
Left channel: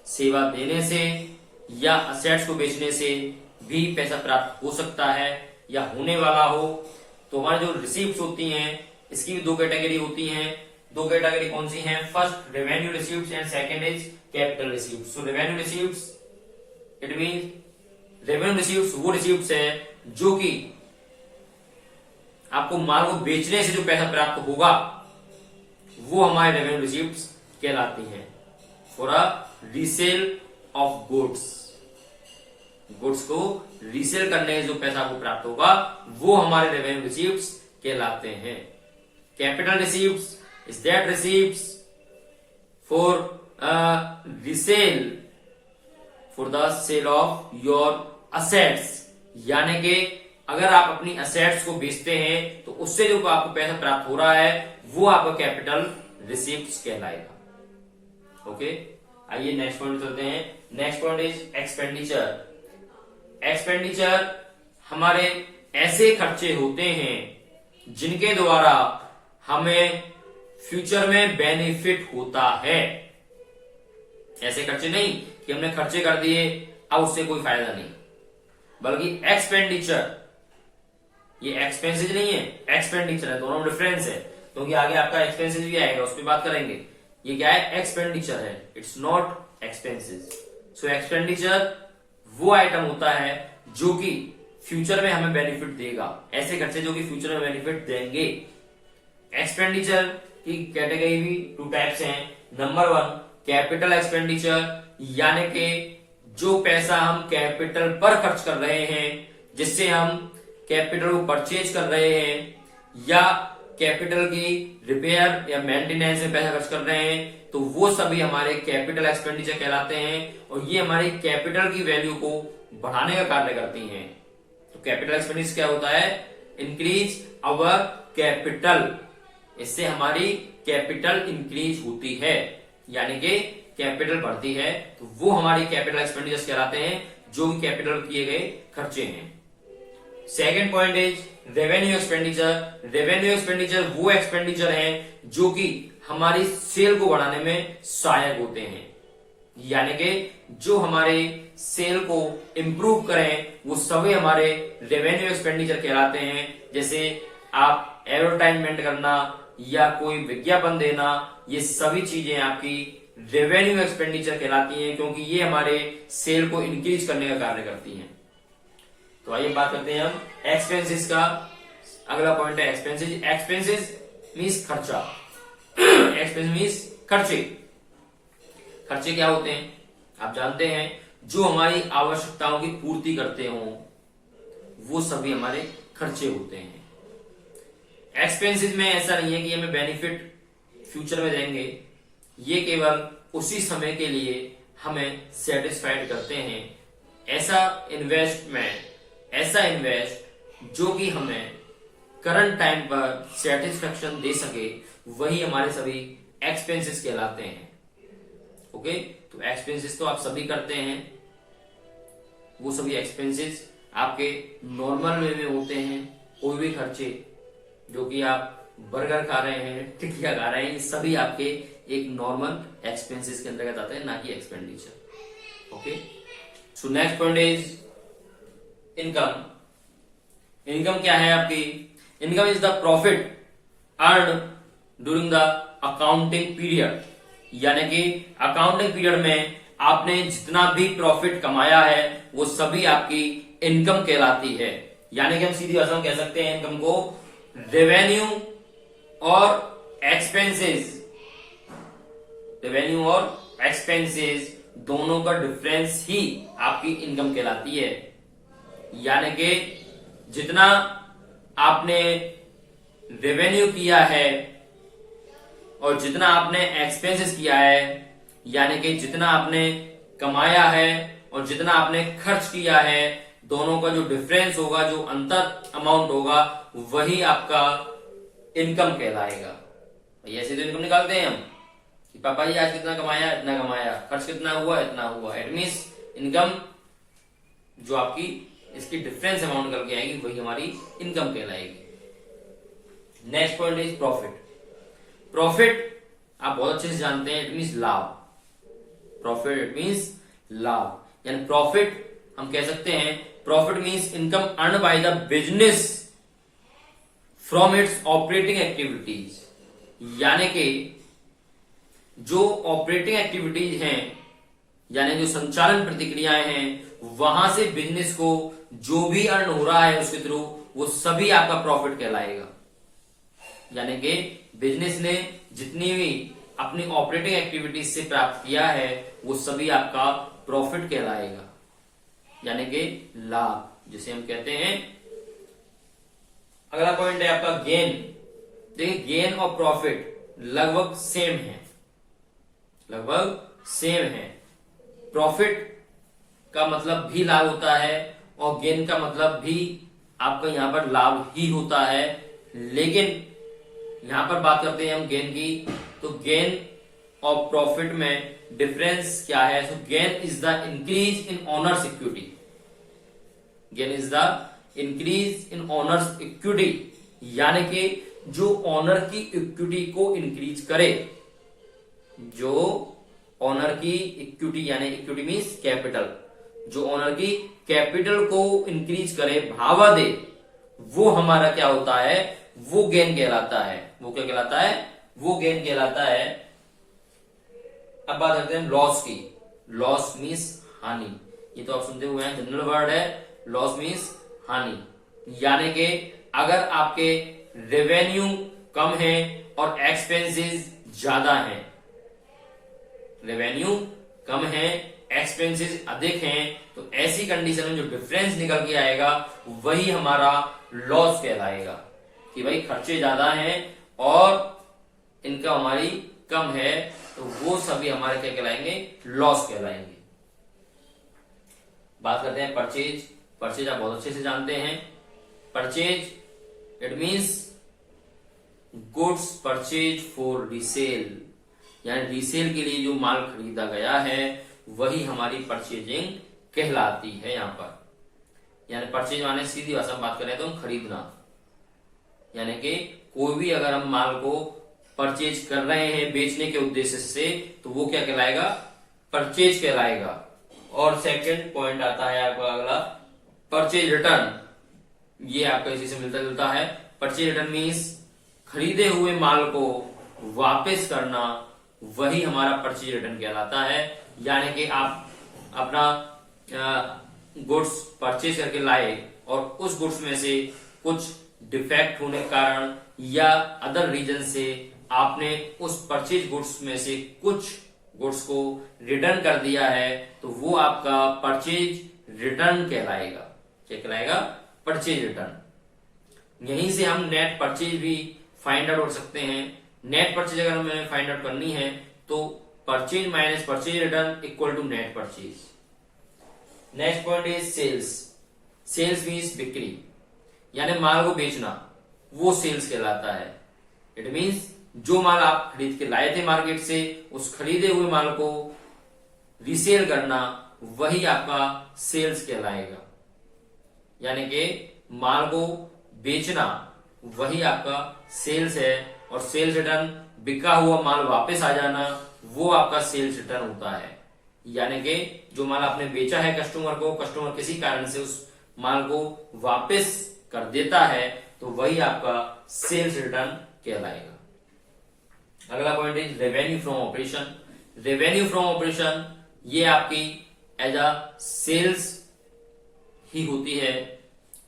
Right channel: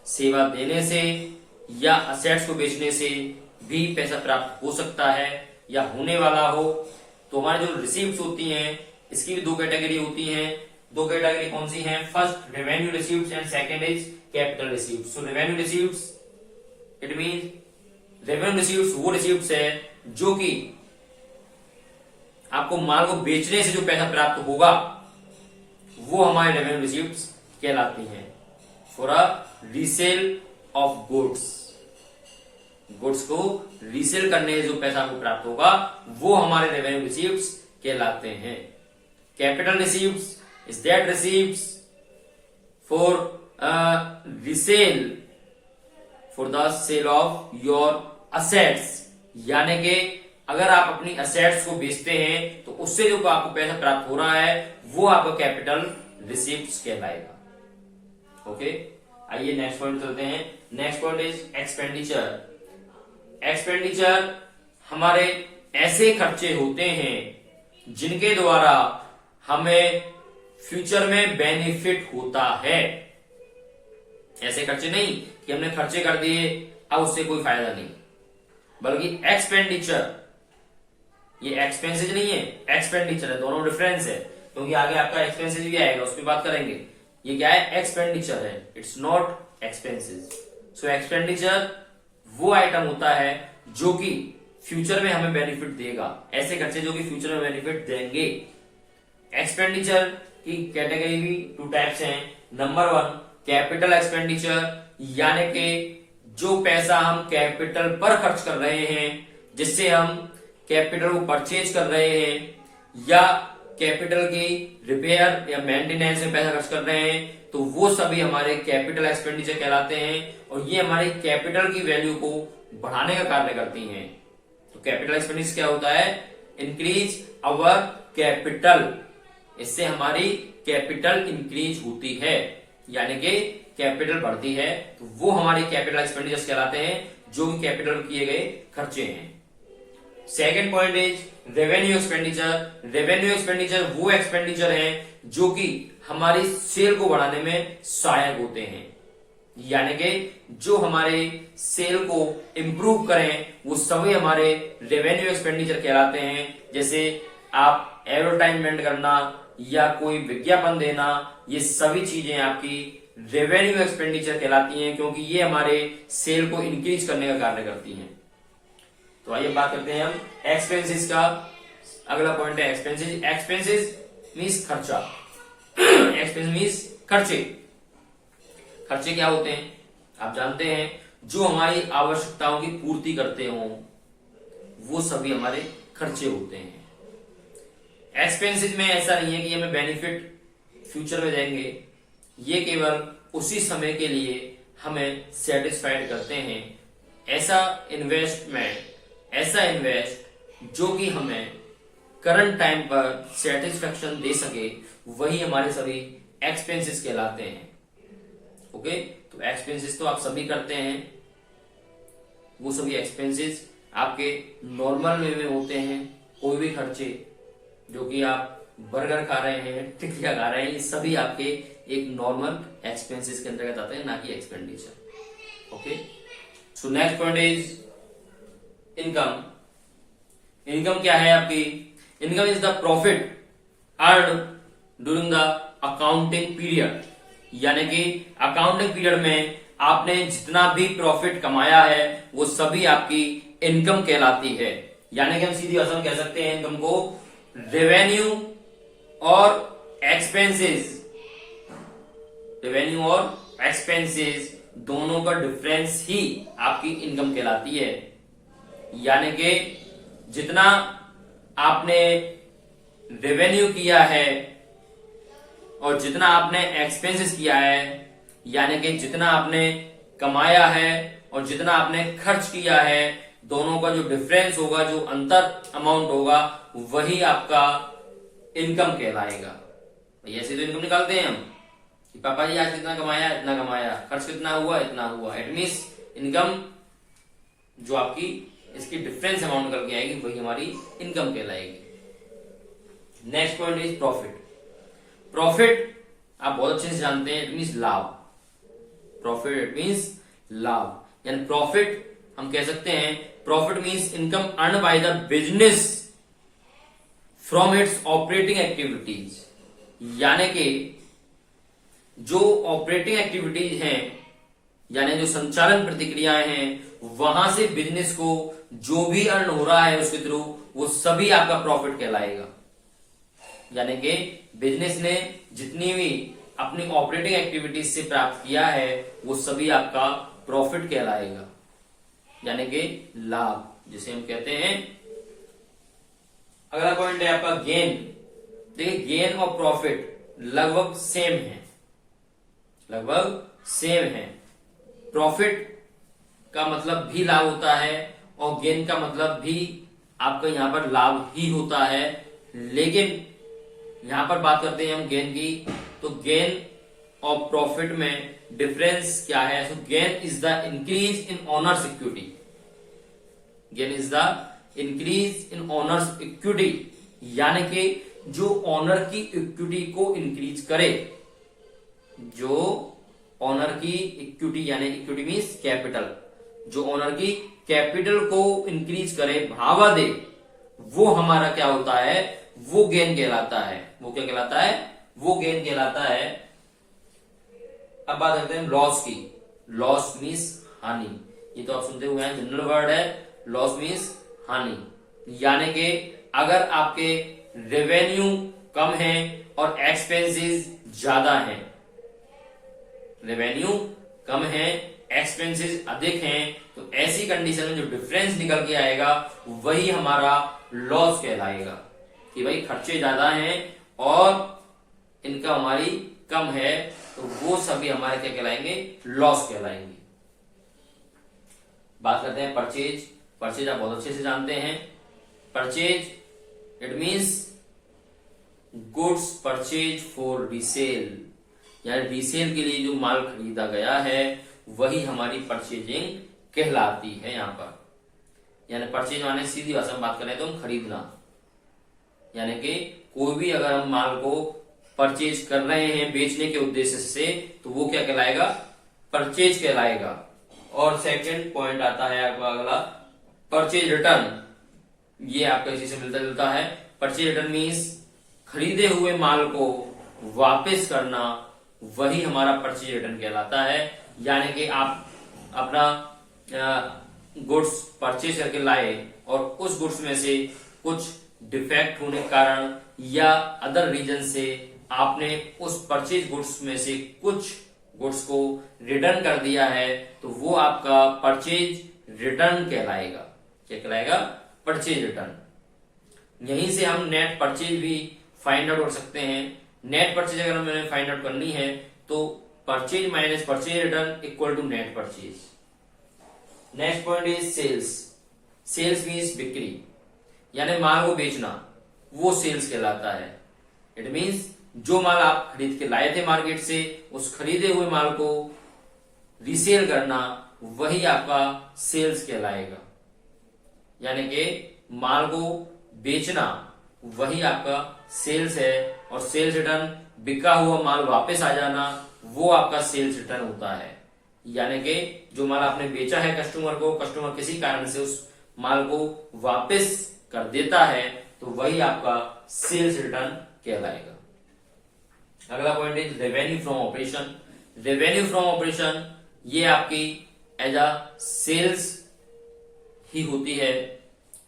सेवा देने से या असेट्स को बेचने से भी पैसा प्राप्त हो सकता है या होने वाला हो। तो हमारी जो रिसीप्ट्स होती हैं इसकी भी 2 कैटेगरी होती हैं। 2 कैटेगरी कौन सी हैं? First revenue receipts and second is capital receipts. So revenue receipts it mean revenue receipts वो रिसीप्ट्स है जो कि आपको माल को बेचने से जो पैसा प्राप्त होगा वो हमारे रेवेन्यू रिसीप्ट्स कहलाती हैं for a resale of goods. Goods को रीसेल करने से जो पैसा आपको प्राप्त होगा वो हमारे रेवेन्यू रिसीव्स कहलाते हैं। Capital receives is that receives for resale for the sale of your assets, यानी कि अगर आप अपनी असेट्स को बेचते हैं तो उससे जो आपको पैसा प्राप्त हो रहा है वो आपका कैपिटल रिसीव्स कहलाएगा। ओके, आइए नेक्स्ट पॉइंट चलते हैं। Next point is expenditure. Expenditure हमारे ऐसे खर्चे होते हैं जिनके द्वारा हमें फ्यूचर में बेनिफिट होता है। ऐसे खर्चे नहीं कि हमने खर्चे कर दिए अब उससे कोई फायदा नहीं, बल्कि एक्सपेंडिचर, ये एक्सपेंसेस नहीं है, एक्सपेंडिचर है, दोनों डिफरेंस है, क्योंकि आगे आपका एक्सपेंसेस भी आएगा, उस पर बात करेंगे। ये क्या है? एक्सपेंडिचर है, it's not expenses. So expenditure वो आइटम होता है जो कि फ्यूचर में हमें बेनिफिट देगा, ऐसे खर्चे जो कि फ्यूचर में बेनिफिट देंगे। एक्सपेंडिचर की कैटेगरी भी टू टाइप्स हैं। नंबर 1 कैपिटल एक्सपेंडिचर, यानी कि जो पैसा हम कैपिटल पर खर्च कर रहे हैं, जिससे हम कैपिटल को परचेज कर रहे हैं या कैपिटल की रिपेयर या मेंटेनेंस में पैसा खर्च कर रहे हैं, तो वो सभी हमारे कैपिटल एक्सपेंडिचर कहलाते हैं और ये हमारी कैपिटल की वैल्यू को बढ़ाने का कार्य करती हैं। तो कैपिटल एक्सपेंडिचर क्या होता है? इंक्रीज अवर कैपिटल, इससे हमारी कैपिटल इंक्रीज होती है, यानी कि कैपिटल बढ़ती है, तो वो हमारी कैपिटल एक्सपेंडिचर्स कहलाते हैं जो कि कैपिटल किए गए खर्चे हैं। Second point is revenue expenditure. Revenue expenditure वो एक्सपेंडिचर है जो कि हमारी सेल को बढ़ाने में सहायक होते हैं, यानी कि जो हमारे सेल को इंप्रूव करें वो सभी हमारे रेवेन्यू एक्सपेंडिचर कहलाते हैं। जैसे आप एडवर्टाइजमेंट करना या कोई विज्ञापन देना, ये सभी चीजें आपकी रेवेन्यू एक्सपेंडिचर कहलाती हैं, क्योंकि ये हमारे सेल को इंक्रीज करने का कार्य करती हैं। तो आइए बात करते हैं हम एक्सपेंसेस का। अगला पॉइंट है एक्सपेंसेस। एक्सपेंसेस मींस खर्चा। एक्सपेंस मींस खर्चे। खर्चे क्या होते हैं? आप जानते हैं, जो हमारी आवश्यकताओं की पूर्ति करते हो वो सभी हमारे खर्चे होते हैं। एक्सपेंसेस में ऐसा नहीं है कि हमें बेनिफिट फ्यूचर में देंगे, ये केवल उसी समय के लिए हमें सेटिस्फाइड करते हैं। ऐसा इन्वेस्ट जो कि हमें करंट टाइम पर सेटिस्फेक्शन दे सके, वही हमारे सभी एक्सपेंसेस कहलाते हैं। ओके, तो एक्सपेंसेस तो आप सभी करते हैं, वो सभी एक्सपेंसेस आपके नॉर्मल वे में होते हैं। कोई भी खर्चे जो कि आप बर्गर खा रहे हैं, टिकिया खा रहे हैं, ये सभी आपके एक नॉर्मल एक्सपेंसेस के अंतर्गत आते हैं, ना कि expenditure. Okay, so next point is income. Income क्या है आपकी? Income is the profit earn during the accounting period, यानी कि अकाउंटिंग पीरियड में आपने जितना भी प्रॉफिट कमाया है वो सभी आपकी इनकम कहलाती है। यानी कि हम सीधी भाषा में कह सकते हैं इनकम को रेवेन्यू और एक्सपेंसेस, रेवेन्यू और एक्सपेंसेस दोनों का डिफरेंस ही आपकी इनकम कहलाती है। यानी कि जितना आपने रेवेन्यू किया है और जितना आपने एक्सपेंसेस किया है, यानी कि जितना आपने कमाया है और जितना आपने खर्च किया है, दोनों का जो डिफरेंस होगा, जो अंतर अमाउंट होगा, वही आपका इनकम कहलाएगा। ऐसे तो इनकम निकालते हैं हम कि पापा जी आज कितना कमाया, इतना कमाया, खर्च कितना हुआ, इतना हुआ। इट मींस इनकम जो आपकी इसकी डिफरेंस अमाउंट निकल के आएगी, वही हमारी इनकम कहलाएगी। Next point is profit. Profit आप बहुत अच्छे से जानते हैं, इट मींस लाभ। प्रॉफिट इट मींस लाभ, यानी प्रॉफिट हम कह सकते हैं, profit means income earn by the business from its operating activities, यानी कि जो ऑपरेटिंग एक्टिविटीज हैं, यानी जो संचालन प्रतिक्रियाएं हैं, वहां से बिजनेस को जो भी अर्न हो रहा है उसके थ्रू, वो सभी आपका प्रॉफिट कहलाएगा। यानी कि बिजनेस ने जितनी भी अपनी ऑपरेटिंग एक्टिविटीज से प्राप्त किया है वो सभी आपका प्रॉफिट कहलाएगा। यानी कि लाभ जिसे हम कहते हैं। अगला पॉइंट है आपका गेन। देखिए गेन और प्रॉफिट लगभग सेम है, लगभग सेम है। प्रॉफिट का मतलब भी लाभ होता है और गेन का मतलब भी आपका यहां पर लाभ ही होता है, लेकिन यहां पर बात करते हैं हम गेन की, तो गेन और प्रॉफिट में डिफरेंस क्या है? So gain is the increase in owners equity. Gain is the increase in owners equity, यानी कि जो ओनर की इक्विटी को इंक्रीज करे, जो ओनर की इक्विटी यानी इक्विटी मीन्स कैपिटल, जो ओनर की कैपिटल को इंक्रीज करे, बढ़ावा दे, वो हमारा क्या होता है? वो गेन कहलाता है। वो क्या कहलाता है? वो गेन कहलाता है। अब बात करते हैं लॉस की। लॉस मीन्स हानि। ये तो आप सुनते हुए हैं, जनरल वर्ड है। लॉस मीन्स हानि, यानी कि अगर आपके रेवेन्यू कम है और एक्सपेंसेस ज्यादा हैं, रेवेन्यू कम है एक्सपेंसेस अधिक हैं, तो ऐसी कंडीशन में जो डिफरेंस निकल के आएगा वही हमारा लॉस कहलाएगा, कि भाई खर्चे ज्यादा हैं और इनकम हमारी कम है, तो वो सभी हमारे क्या कहलाएंगे? लॉस कहलाएंगे। बात करते हैं परचेज। परचेज आप बहुत अच्छे से जानते हैं। Purchase it means goods purchase for resale, यानी रीसेल के लिए जो माल खरीदा गया है वही हमारी परचेजिंग कहलाती है। यहां पर यानी परचेज माने सीधी भाषा में बात करें तो हम खरीदना, यानी कि कोई भी अगर हम माल को परचेज कर रहे हैं बेचने के उद्देश्य से, तो वो क्या कहलाएगा? परचेज कहलाएगा। और सेकंड पॉइंट आता है आपका अगला परचेज रिटर्न। ये आपका इसी से मिलता जुलता है। परचेज रिटर्न मीन्स खरीदे हुए माल को वापस करना, वही हमारा परचेज रिटर्न कहलाता है। यानी कि आप अपना गुड्स परचेज करके लाए और उस गुड्स में से कुछ डिफेक्ट होने के कारण या अदर रीजन से आपने उस परचेज गुड्स में से कुछ गुड्स को रिटर्न कर दिया है, तो वो आपका परचेज रिटर्न कहलाएगा। क्या कहलाएगा? Purchase return. यहीं से हम नेट परचेज भी फाइंड आउट कर सकते हैं। नेट परचेज अगर हमें फाइंड आउट करनी है तो purchase minus purchase return equal to net purchase. Next point is sales. Sales means बिक्री, यानी माल को बेचना, वो सेल्स कहलाता है। इट मीन्स जो माल आप खरीद के लाए थे मार्केट से, उस खरीदे हुए माल को रीसेल करना, वही आपका सेल्स कहलाएगा। यानी कि माल को बेचना वही आपका सेल्स है, और सेल्स रिटर्न बिका हुआ माल वापस आ जाना, वो आपका सेल्स रिटर्न होता है। यानी कि जो माल आपने बेचा है कस्टमर को, कस्टमर किसी कारण से उस माल को वापस कर देता है, तो वही आपका सेल्स रिटर्न कहलाएगा। अगला point is revenue from operation. Revenue from operation ये आपकी एज अ सेल्स ही होती है,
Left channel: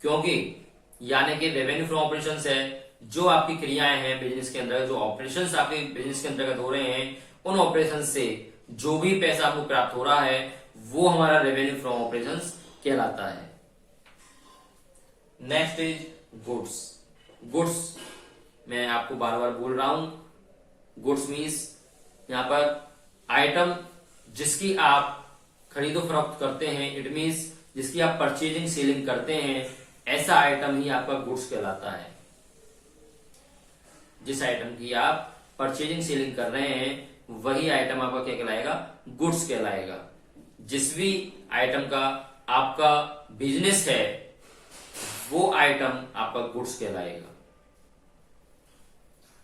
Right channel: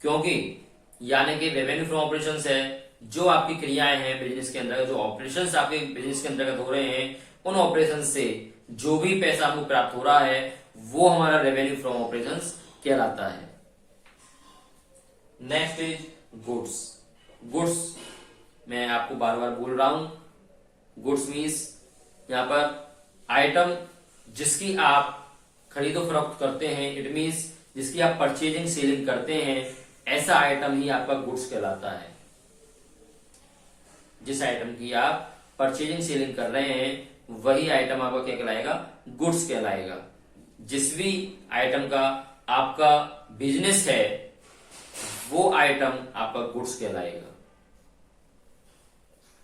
क्योंकि यानी कि रेवेन्यू फ्रॉम ऑपरेशन है जो आपकी क्रियाएं हैं बिजनेस के अंदर, जो ऑपरेशंस आपके बिजनेस के अंतर्गत हो रहे हैं, उन ऑपरेशन से जो भी पैसा आपको प्राप्त हो रहा है वो हमारा रेवेन्यू फ्रॉम ऑपरेशंस कहलाता है। Next is goods. गुड्स मैं आपको बार बार बोल रहा हूं, गुड्स मीन्स यहां पर आइटम जिसकी आप खरीदो फरोख्त करते हैं, इट मीन्स जिसकी आप परचेजिंग सेलिंग करते हैं, ऐसा आइटम ही आपका गुड्स कहलाता है। जिस आइटम की आप परचेजिंग सेलिंग कर रहे हैं वही आइटम आपका क्या कहलाएगा? गुड्स कहलाएगा। जिस भी आइटम का आपका बिजनेस है वो आइटम आपका गुड्स कहलाएगा।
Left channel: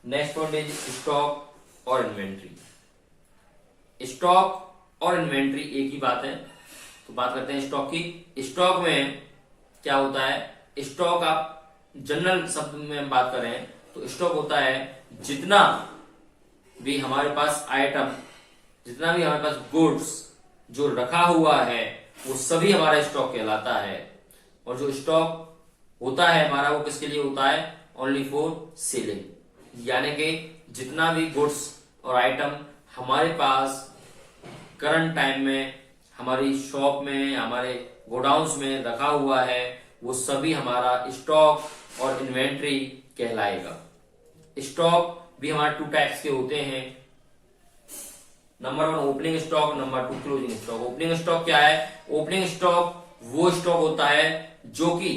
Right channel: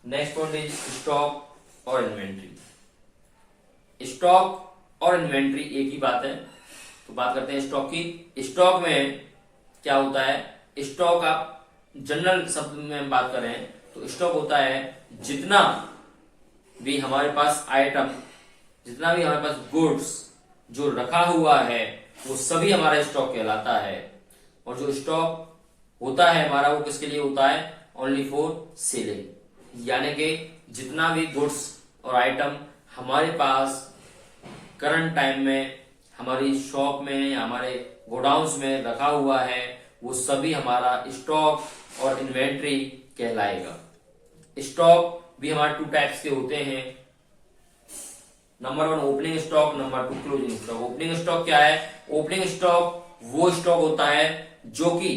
नेक्स्ट पॉइंट इज स्टॉक और इन्वेंट्री। स्टॉक और इन्वेंट्री एक ही बात है, तो बात करते हैं स्टॉक की। स्टॉक में क्या होता है? स्टॉक आप जनरल शब्द में बात करें तो स्टॉक होता है जितना भी हमारे पास आइटम, जितना भी हमारे पास गुड्स जो रखा हुआ है वो सभी हमारा स्टॉक कहलाता है। और जो स्टॉक होता है हमारा वो किसके लिए होता है? ओनली फॉर सेलिंग, यानी कि जितना भी गुड्स और आइटम हमारे पास करंट टाइम में हमारी शॉप में या हमारे गोडाउन्स में रखा हुआ है वो सभी हमारा स्टॉक और इन्वेंट्री कहलाएगा। स्टॉक भी हमारे 2 टाइप्स के होते हैं, number 1 opening stock, number 2 closing stock. Opening stock क्या है? ओपनिंग स्टॉक वो स्टॉक होता है जो कि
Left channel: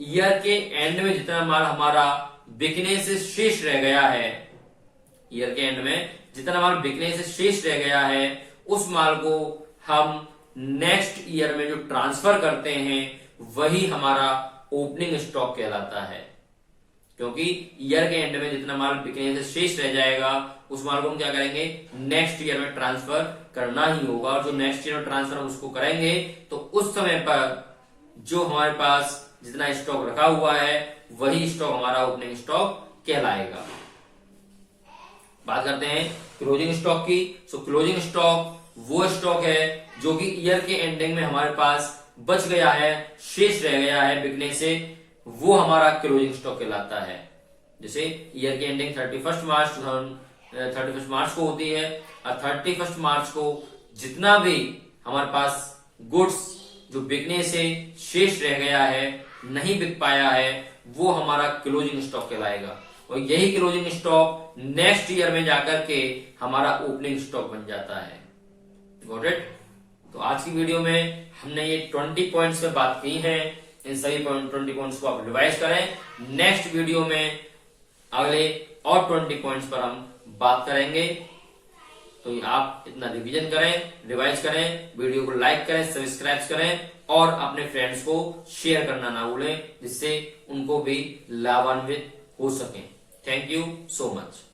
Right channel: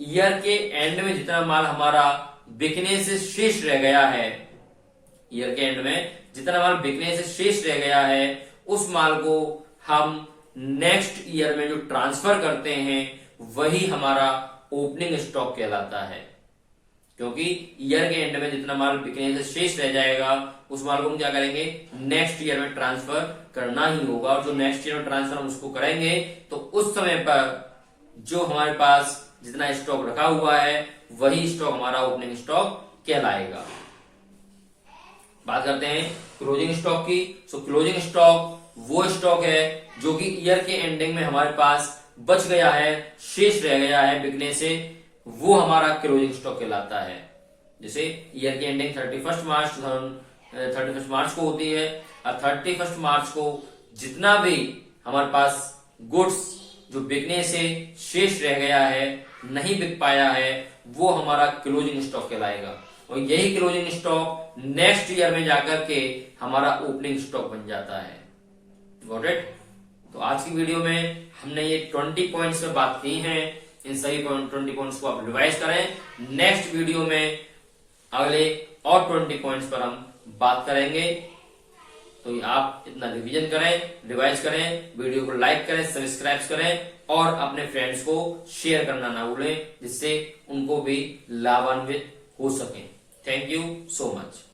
ईयर के एंड में जितना माल हमारा बिकने से शेष रह गया है, ईयर के एंड में जितना माल बिकने से शेष रह गया है उस माल को हम नेक्स्ट ईयर में जो ट्रांसफर करते हैं वही हमारा ओपनिंग स्टॉक कहलाता है। क्योंकि ईयर के एंड में जितना माल बिकने से शेष रह जाएगा उस माल को हम क्या करेंगे, नेक्स्ट ईयर में ट्रांसफर करना ही होगा। और जो नेक्स्ट ईयर में ट्रांसफर हम उसको करेंगे तो उस समय पर जो हमारे पास जितना स्टॉक रखा हुआ है वही स्टॉक हमारा ओपनिंग स्टॉक कहलाएगा। बात करते हैं क्लोजिंग स्टॉक की। सो क्लोजिंग स्टॉक वो स्टॉक है जो कि ईयर के एंडिंग में हमारे पास बच गया है, शेष रह गया है बिकने से, वो हमारा क्लोजिंग स्टॉक कहलाता है। जैसे ईयर की एंडिंग 31 मार्च को होती है और 31 मार्च को जितना भी हमारे पास गुड्स जो बिकने से शेष रह गया है, नहीं बिक पाया है, वो हमारा क्लोजिंग स्टॉक कहलाएगा। और यही क्लोजिंग स्टॉक नेक्स्ट ईयर में जाकर के हमारा ओपनिंग स्टॉक बन जाता है। Got it? तो आज की वीडियो में हमने ये 20 पॉइंट्स पे बात की है। इन सभी 20 पॉइंट्स को आप रिवाइज करें। नेक्स्ट वीडियो में अगले और 20 पॉइंट्स पर हम बात करेंगे। तो आप इतना रिवीजन करें, रिवाइज करें, वीडियो को लाइक करें, सब्सक्राइब करें और अपने फ्रेंड्स को शेयर करना ना भूलें, जिससे उनको भी लाभान्वित हो सकें। Thank you so much.